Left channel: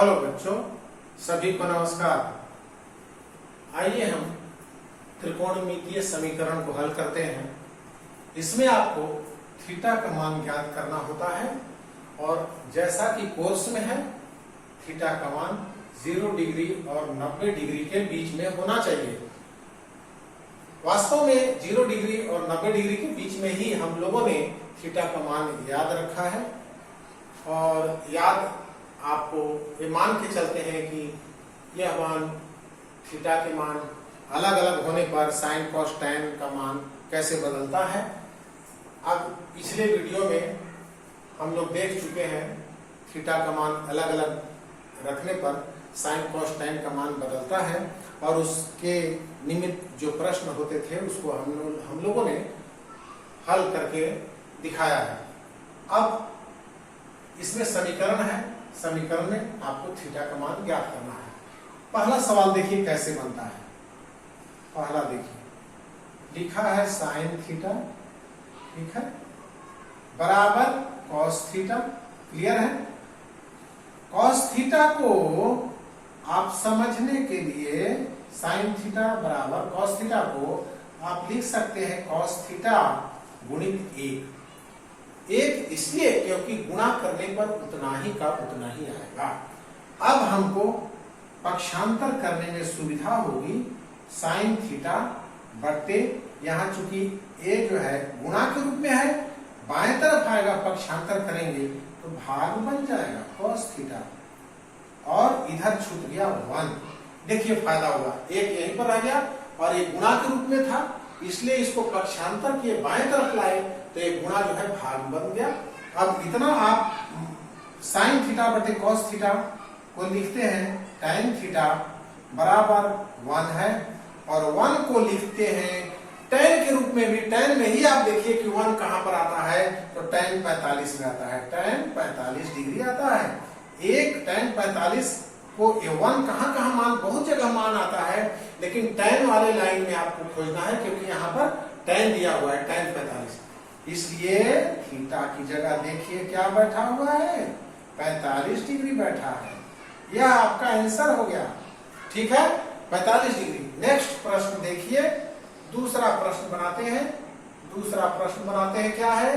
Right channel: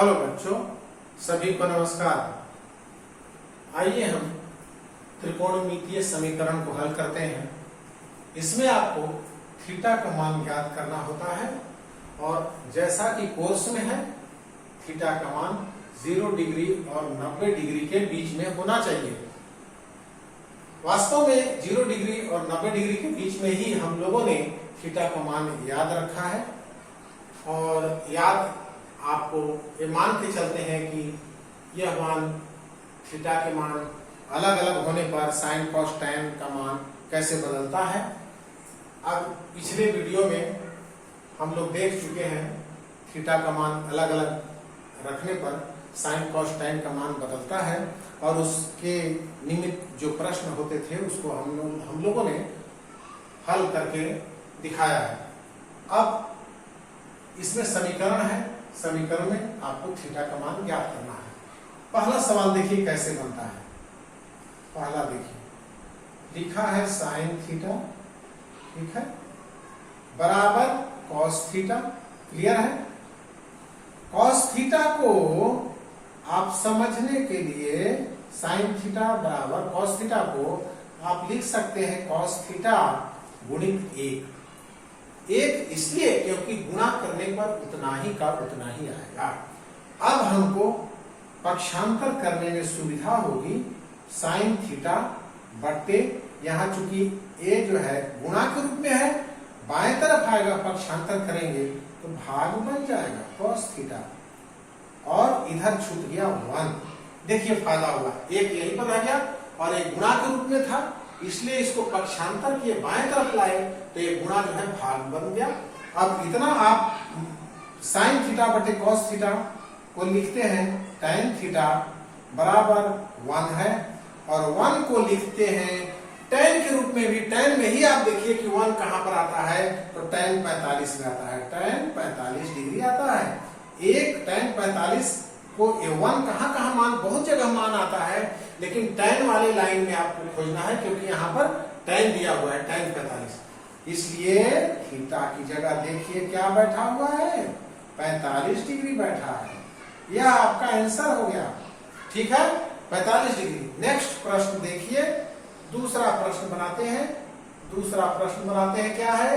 Hello बच्चों, सभी को नमस्कार। आइए हम त्रिकोणमितीय समीकरण को हल करते हैं। इसमें आपको थीटा का मान ज्ञात करना होता है और जैसा कि कोर्स में है थीटा का मान 0 डिग्री और 90 डिग्री के बीच में होना चाहिए। वास्तव में 0 डिग्री और 90 डिग्री के बीच में ही हम लोगों ने थीटा का मान याद रखा है और याद आपको ये मान के चलते हैं कि यह मान थीटा के मान अलग अलग होने पर साइन कॉस टैन का मान कैसे बदलता है। अब पिछले वीडियो में हम लोग देख चुके हैं थीटा का मान अलग अलग रखने पर साइन कॉस टैन का मान बदलता है और उसके निमित्त जो प्रश्न होते थे उसको हम लोगों ने हल करके दिखाया है। अब इसमें समीकरण है, समीकरण में आपको थीटा का मान ज्ञात करना है। पहला सवाल देखिए कैसे बनता है। पहला देखिए लिखा है साइन थीटा, ठीक है, बराबर कॉस थीटा। क्लियर है। कॉस थीटा को आप समझने के लिए साइन थीटा बराबर कॉस थीटा को आप लिख सकते हैं कॉस थीटा गुणित 1 इसलिए क्योंकि गुणा करने पर उतना ही का उतना ही आएगा। अब हमको पक्षांतर करने में सुविधा होगी। साइन थीटा बढ़ते यहाँ चूंकि ए जो है गुणा के रूप में है, बाएं तरफ आएगा, पक्षांतर करेंगे तो भाग बन जाएगा कॉस थीटा और इधर छूट गया 1। देखिए फायदा हुआ, एक यहीं पर आ गया और एक गुणा के रूप में था इसलिए इसको पक्षांतर किए बाएं तरफ लाए तो ये गुणा जो है भाग बन गया। अब इतना आप साइन थीटा बटे कॉस थीटा को लिखते हैं टैन थीटा बराबर 1 है और 1 को लिखते हैं टैन के रूप में भी। टैन में ही आप देखिए कि 1 कहां पर आता है तो टैन 45 में आता है, टैन 45 डिग्री आता है। एक टैन 45 को 1 कहां मान, बहुत जगह मान आता है, लेकिन टैन वाले लाइन में आपको खोजना है क्योंकि यहाँ पर टैन दिया हुआ है टैन 45। इसलिए थीटा की जगह देखिए क्या बैठा हुआ है, 45 डिग्री बैठा है। यह आपका आंसर हो गया, ठीक है, 45 डिग्री। नेक्स्ट प्रश्न देखिए, दूसरा प्रश्न बनाते हैं। दूसरा प्रश्न बनाते हैं क्या है,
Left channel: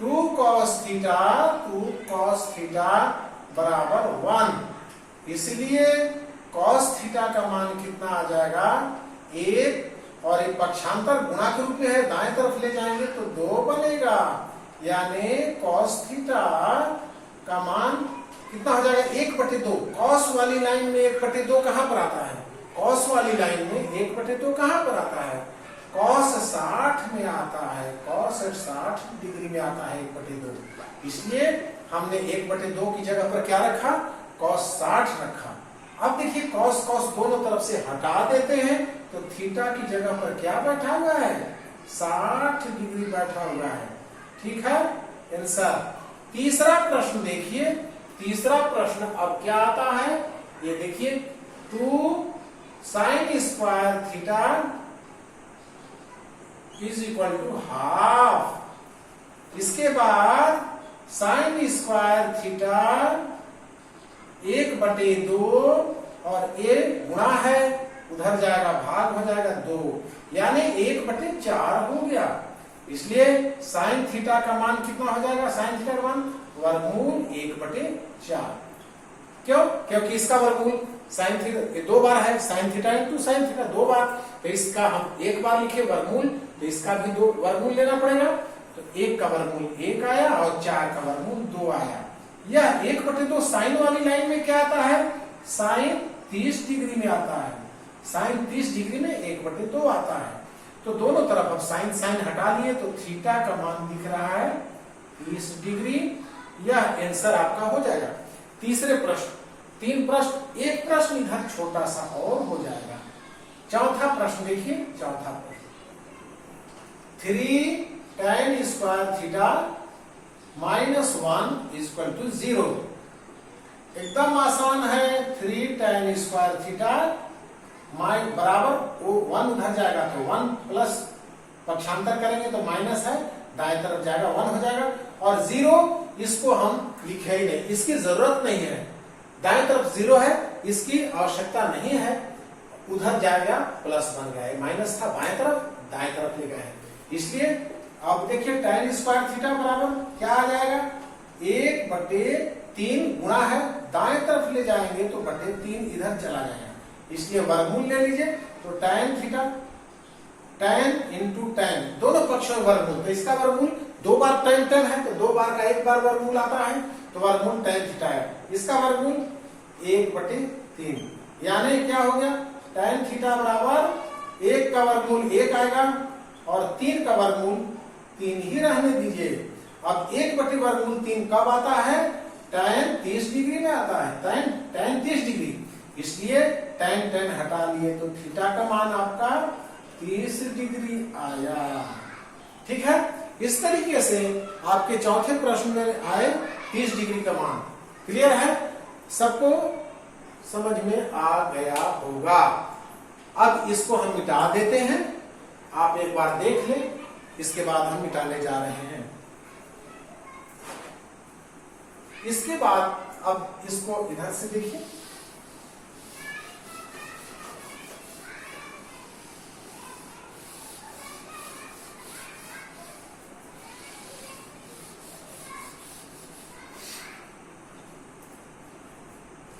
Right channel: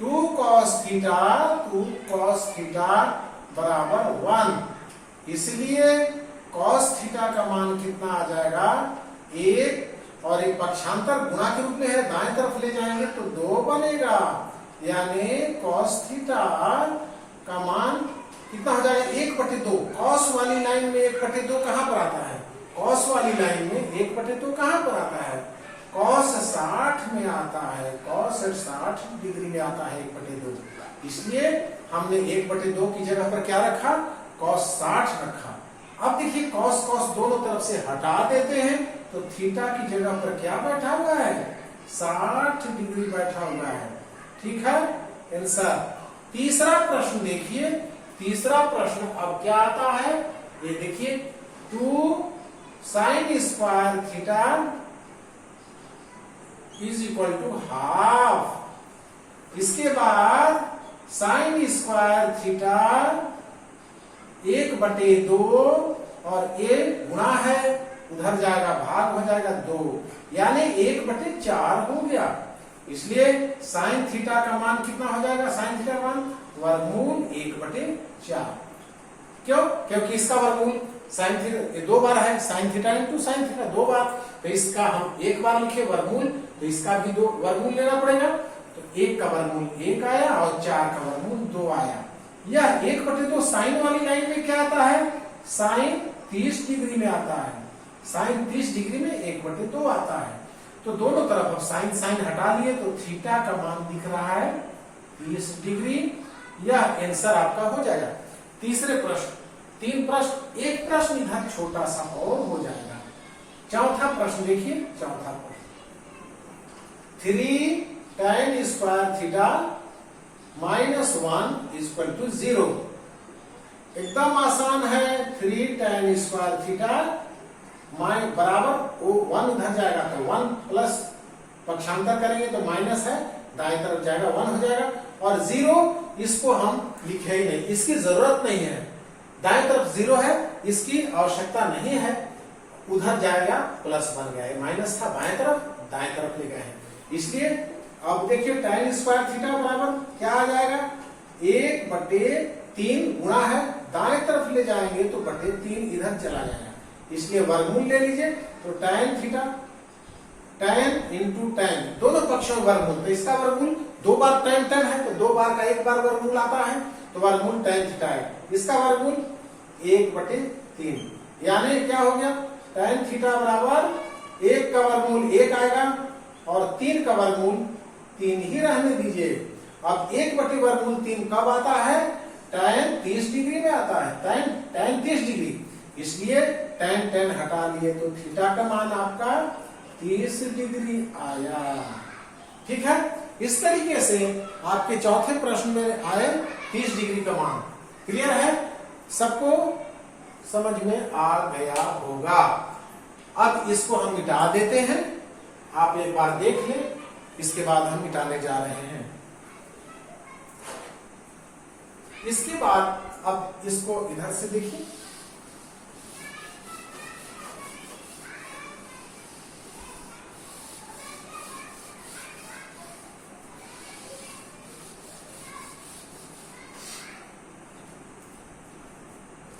2 cos थीटा बराबर 1। इसलिए cos थीटा का मान कितना आ जाएगा 1 और एक पक्षांतर गुणा के रूप में है, दाएं तरफ ले जाएंगे तो 2 बनेगा, यानी cos थीटा का मान कितना हो जाएगा 1/2। cos वाली लाइन में 1/2 कहां पर आता है, cos वाली लाइन में 1/2 कहां पर आता है, cos 60 में आता है, cos 60 डिग्री में आता है 1/2। इसलिए हमने 1/2 की जगह पर क्या रखा, cos 60 रखा। अब देखिए cos दोनों तरफ से हटा देते हैं तो थीटा की जगह पर क्या बैठा हुआ है, 60 डिग्री बैठा हुआ है, ठीक है, आंसर। तीसरा प्रश्न देखिए, तीसरा प्रश्न अब क्या आता है, ये देखिए 2 sin square theta is equal to half. इसके बाद sin स्क्वायर थीटा 1/2 और ये गुणा है, उधर जाएगा भाग हो जाएगा 2, यानी 1/4 हो गया। इसलिए साइन थीटा का मान कितना हो जाएगा, साइन थीटा का मान वर्गमूल 1/4। क्यों, क्योंकि इसका वर्गमूल साइन थीटा 2 बार है, sine theta into sine theta 2 बार, तो इसका हम 1 बार लिखे वर्गमूल, तो इसका भी 2 वर्गमूल लेना पड़ेगा। तो 1 का वर्गमूल 1 आया और 4 का वर्गमूल 2 आया। यह 1/2 साइन वाली लाइन में क्या आता है, साइन 30 डिग्री में आता है, साइन 30 डिग्री में 1/2 आता है। तो दोनों तरफ अब साइन साइन हटा लिए तो थीटा का मान दिख रहा है 30 डिग्री। यह आंसर आपका हो जाएगा। तीसरे प्रश्न, 3 प्रश्न, एक प्रश्न इधर छोटा सा और हो जाएगा। चौथा प्रश्न देखिए, चौथा प्रश्न 3 tan square theta -1 equal to 0। एकदम आसान है। 3 tan स्क्वायर थीटा बराबर 1 उधर जाएगा तो 1 प्लस पक्षांतर करेंगे तो माइनस है, दाएं तरफ जाएगा 1 हो जाएगा और 0 इसको हम लिखे ही नहीं, इसकी जरूरत नहीं है। दाएं तरफ 0 है, इसकी आवश्यकता नहीं है, उधर जाएगा प्लस बन गया, माइनस था बाएं तरफ, दाएं तरफ ले गए हैं। इसलिए अब देखिए tan स्क्वायर थीटा बराबर क्या आ जाएगा, 1/3 गुणा है, दाएं तरफ ले जाएंगे तो बटे 3 इधर चला जाएगा, इसलिए वर्गमूल ले लीजिए। तो tan theta, tan into tan, दोनों पक्षों में वर्गमूल, तो इसका वर्गमूल 2 बार tan है, तो 2 बार का 1 बार वर्गमूल आता है, तो वर्गमूल tan थीटा है। इसका वर्गमूल 1/3, यानी क्या हो गया, tan थीटा बराबर 1 का वर्गमूल 1 आएगा और 3 का वर्गमूल 3 ही रहने दीजिए। अब 1/√3 कब आता है, tan 30 डिग्री में आता है, tan 30 डिग्री, इसलिए tan हटा लिए तो थीटा का मान आपका 30 डिग्री आया। ठीक है, इस तरीके से आपके चौथे प्रश्न में आए 30 डिग्री का मान। क्लियर है, सबको समझ में आ गया होगा। अब इसको हम मिटा देते हैं, आप एक बार देख लें, इसके बाद हम मिटाने जा रहे हैं। इसके बाद अब इसको इधर से देखिए,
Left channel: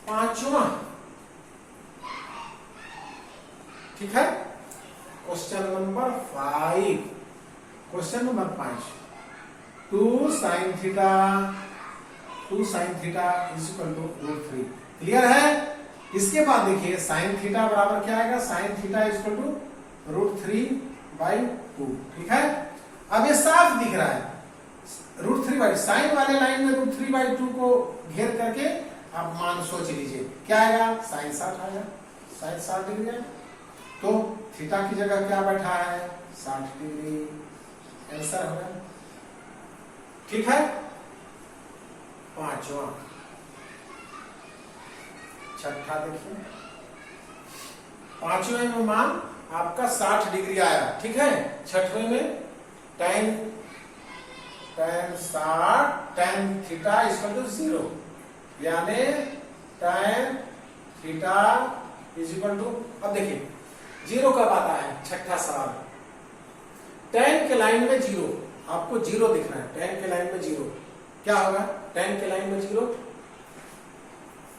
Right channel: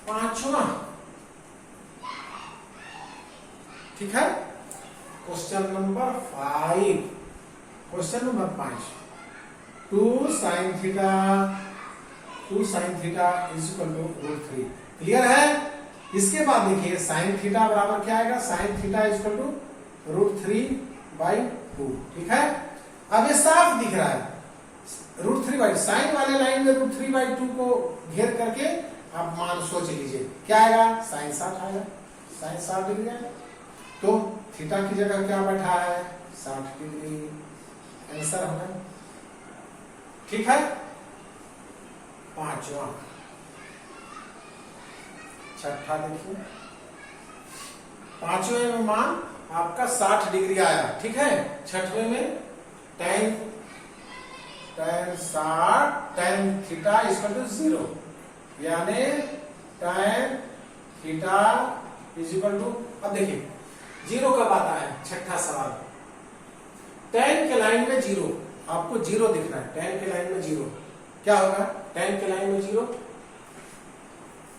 पांचवा, ठीक है, question number 5, question number 5, 2 sin theta is equal to √3। Clear है। इसके बाद देखिए sin थीटा बराबर क्या आएगा, sin theta is equal to √3/2। ठीक है, अब ये साफ दिख रहा है, √3/2, साइन वाले लाइन में √3/2 को घेर करके आप मान सोच लीजिए क्या आएगा, sin 60 आएगा, sin 60 डिग्री आएगा, तो थीटा की जगह क्या बैठा है, 60 डिग्री, आंसर होगा। ठीक है, पांचवा। छठा देखिए, पांचवें में मान आपका 60 डिग्री आया। ठीक है, छठवें में tan थीटा इक्वल टू 0, यानी tan theta is equal to, अब देखिए 0 कब आता है, छठा सवाल, tan के लाइन में 0, आपको 0 दिखना है, tan के लाइन में 0 क्या होगा, tan के लाइन में 0,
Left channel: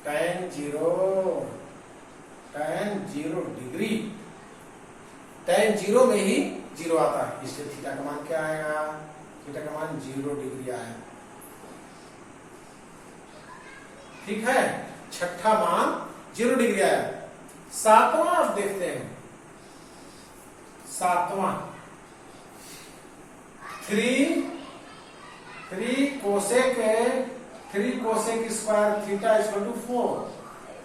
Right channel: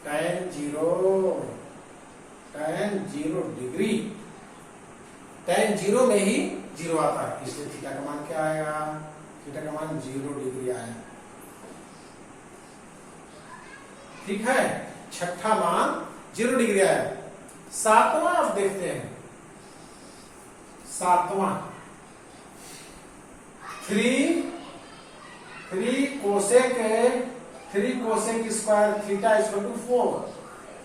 tan 0 डिग्री, tan 0 में ही 0 आता है, इसलिए थीटा का मान क्या आएगा, थीटा का मान 0 डिग्री आएगा। ठीक है, छठा मान 0 डिग्री आया। सातवां आप देखते हैं, सातवां 3 cosec square theta equal to 4,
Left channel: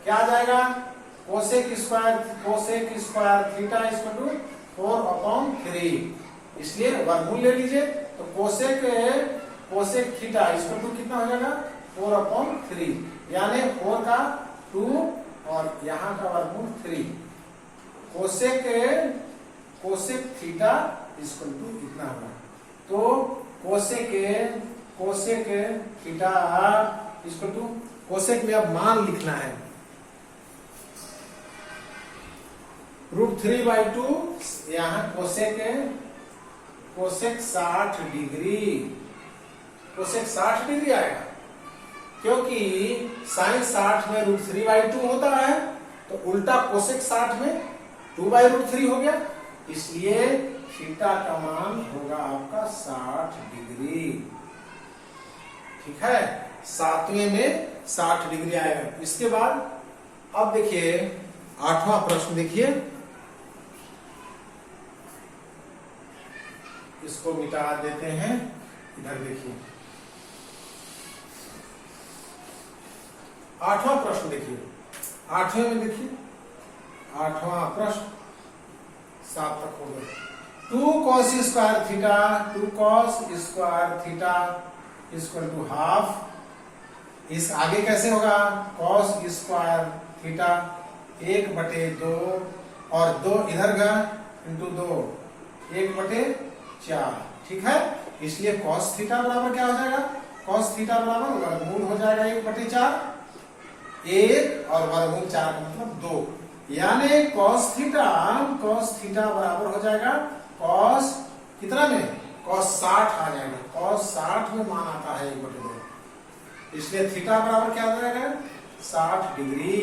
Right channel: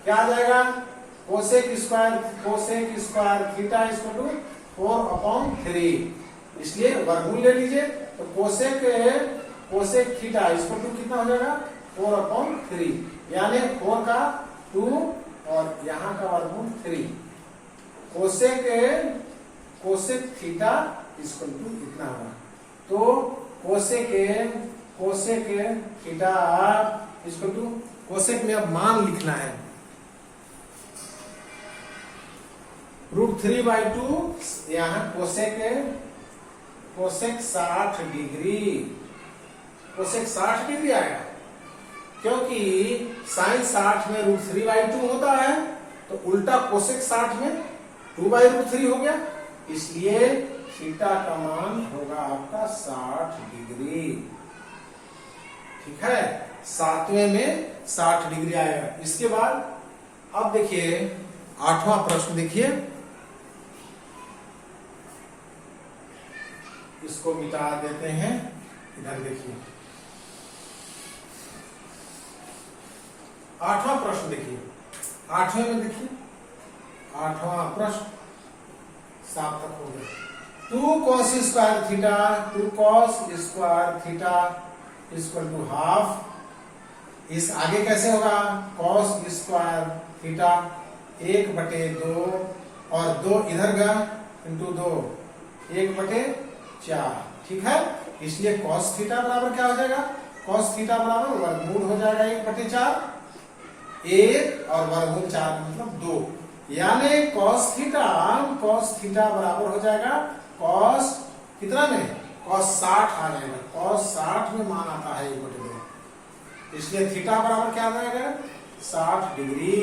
क्या आ जाएगा, cosec square theta equal to 4/3, इसलिए वर्गमूल ले लीजिए, तो कोसेक थीटा इक्वल टू कितना हो जाएगा, 4/3, यानी 4 का 2 और यहां का वर्गमूल 3, कोसेक थीटा इक्वल टू इतना होगा। तो cosec theta equal to, cosec में अब मान लिखना है, √3/2, यहां कोसेक 60 डिग्री, कोसेक 60 डिग्री आएगा, क्योंकि साइन 60 में √3/2 होता है, तो उल्टा कोसेक 60 में 2/√3 हो गया, इसलिए थीटा का मान होगा आपका 60 डिग्री। ठीक है, सातवें में 60 डिग्री आएगा। इसके बाद अब देखिए 8वां प्रश्न देखिए, इसको मिटा देते हैं, इधर देखिए 8वां प्रश्न देखिए, 8वें में देखिए 8वां प्रश्न 7 तक हो गया। 2 cos square theta equal to half, इस आगे कैसे होगा, cos स्क्वायर थीटा 1/2 और 2 इधर गया इंटू 2, 1/4। ठीक है, इसलिए cos थीटा बराबर क्या हो जाएगा, cos थीटा बराबर वर्गमूल हो जाएगा 1/4, 1 और वर्गमूल 4 का मतलब 2, यानी कॉस थीटा बराबर हो जाएगा कॉस कितना में, कॉस 60 आ जाएगा। कॉस 60 में मान आता है 1/2, इसलिए थीटा बराबर क्या आ जाएगा 60 डिग्री।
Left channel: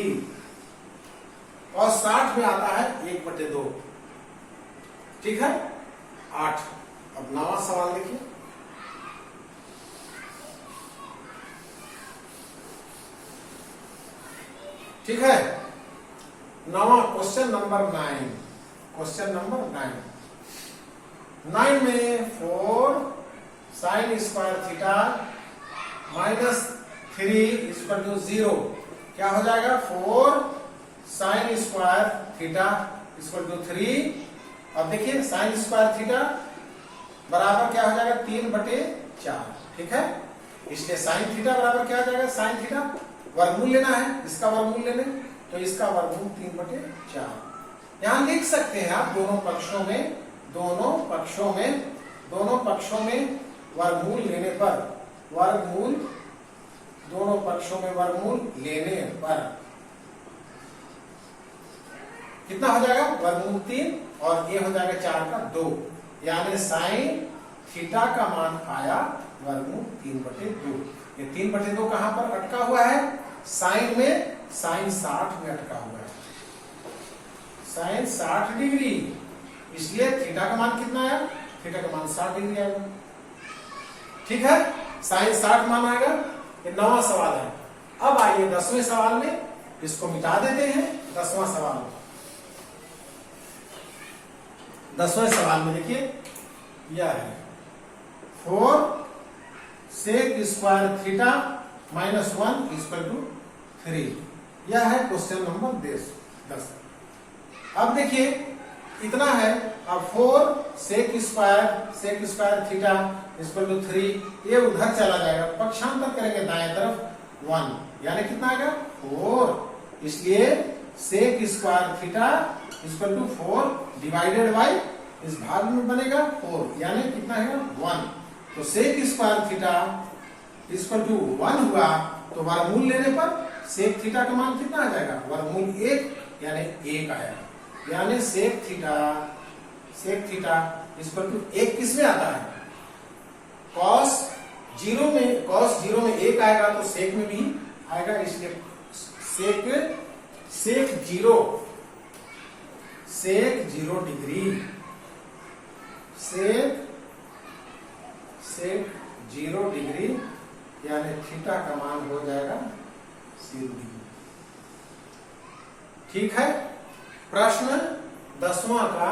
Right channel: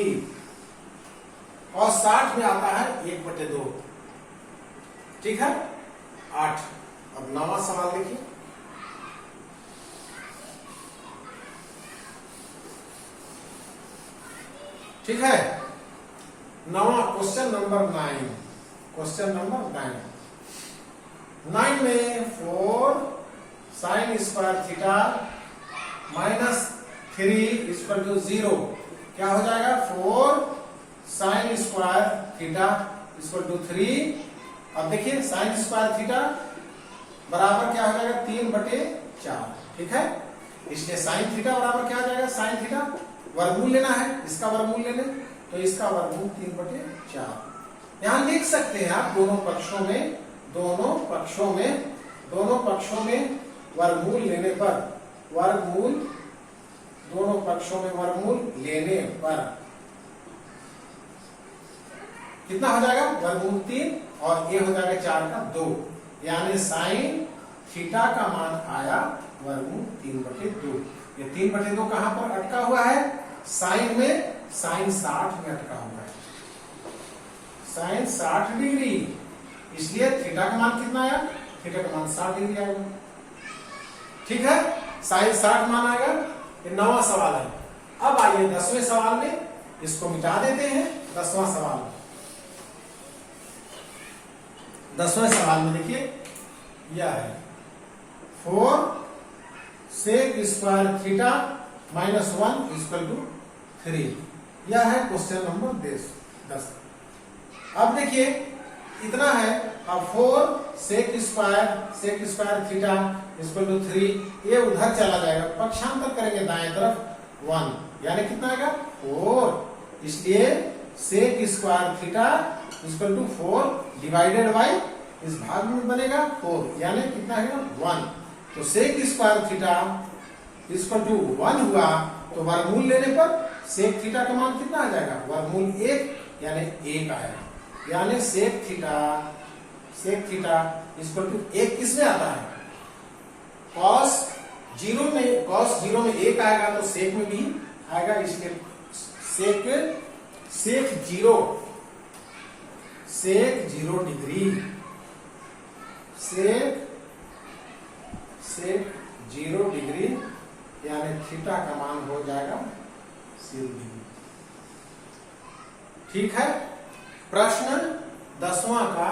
कॉस 60 में आता है 1/2, ठीक है 8। अब नवा सवाल देखिए, ठीक है नवा क्वेश्चन नंबर 9। क्वेश्चन नंबर 9 में 4 sine square theta minus 3 equal to 0 क्या हो जाएगा 4 sine square theta equal to 3। अब देखिए साइन स्क्वायर थीटा बराबर क्या हो जाएगा 3/4, ठीक है। इसलिए साइन थीटा बराबर क्या हो जाएगा, साइन थीटा वर्गमूल लेना है, इसका वर्गमूल लेने तो इसका वर्गमूल 3/4। यहां लिख सकते हैं आप दोनों पक्षों में वर्गमूल लेने पर, दोनों पक्षों में वर्गमूल लेने पर कितना हो जाएगा वर्गमूल 3 और ये हो जाएगा 4 का 2, यानी साइन थीटा का मान आया वर्गमूल 3/2। ये 3/2 कहां पर अटका हुआ है, साइन में, साइन 60 में अटका हुआ है, साइन 60 डिग्री, इसलिए थीटा का मान कितना आया, थीटा का मान 60 डिग्री आएगा, ठीक है। साइन 60 मान आएगा। ये 9वां सवाल है। अब आइए 10वें सवाल में, इसको मिटा देते हैं। 10वां सवाल, 10वें सवाल में देखिए यह है 4 sec square theta minus 1 equal to 3। यह है क्वेश्चन नंबर 10। अब देखिए इतना है, अब 4 sec square theta equal to 3, ये उधर चला जाएगा, पक्षांतर करेंगे दाएं तरफ 1, यानी कितना आएगा 4। इसलिए sec square theta equal to 4 divided by इस भाग में बनेगा 4, यानी कितना है 1। तो sec square theta equal to 1 हुआ, तो वर्गमूल लेने पर सेक थीटा का मान कितना आ जाएगा, वर्गमूल 1, यानी 1 आया, यानी सेक थीटा इक्वल टू 1 किस में आता है, कॉस 0 में 1 आएगा तो सेक में भी आएगा, इसलिए सेक 0 डिग्री, सेक 0 डिग्री, यानी थीटा का मान हो जाएगा 0 डिग्री, ठीक है। प्रश्न 10वां का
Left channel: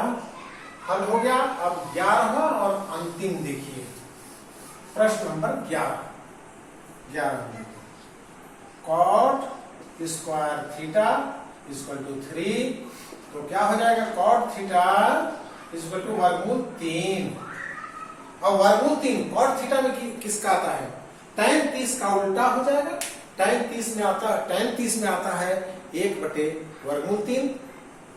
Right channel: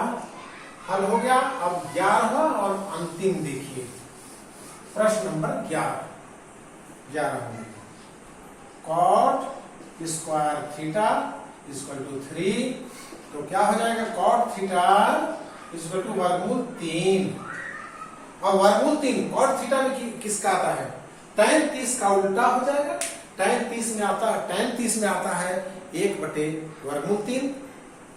हल हो गया। अब 11वां और अंतिम देखिए, प्रश्न number 11 cot square theta equal to 3, तो क्या हो जाएगा कॉट थीटा इक्वल टू वर्गमूल 3। और वर्गमूल 3 कॉट थीटा में किसका आता है, tan 30 का उल्टा हो जाएगा। tan 30 में आता है 1/वर्गमूल 3,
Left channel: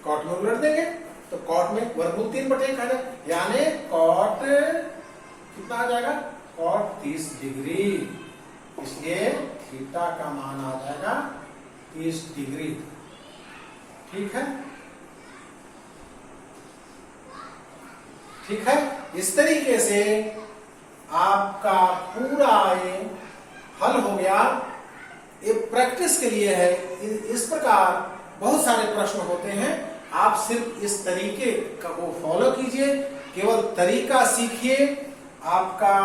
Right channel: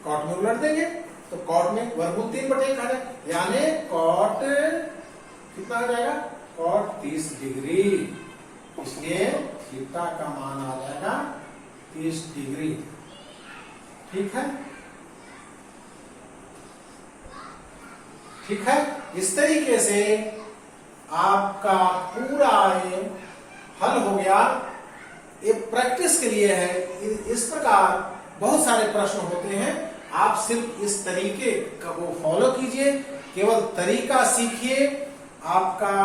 कॉट में उलट देंगे तो कॉट में वर्गमूल 3/1 आ जाएगा, यानी कॉट कितना आ जाएगा, कॉट 30 डिग्री, इसलिए थीटा का मान आ जाएगा 30 डिग्री, ठीक है। इस तरीके से आपका पूरा ये हल हो गया। ये प्रैक्टिस के लिए है, इस प्रकार बहुत सारे प्रश्न होते हैं, आप सिर्फ इस तरीके को फॉलो कीजिए, केवल तरीका सीखिए, आपका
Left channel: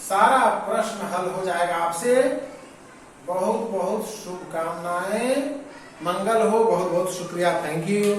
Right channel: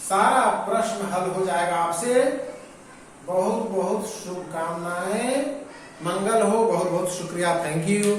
सारा प्रश्न हल हो जाएगा। आपसे बहुत बहुत शुभकामनाएं, मंगल हो, बहुत बहुत शुक्रिया, थैंक यू।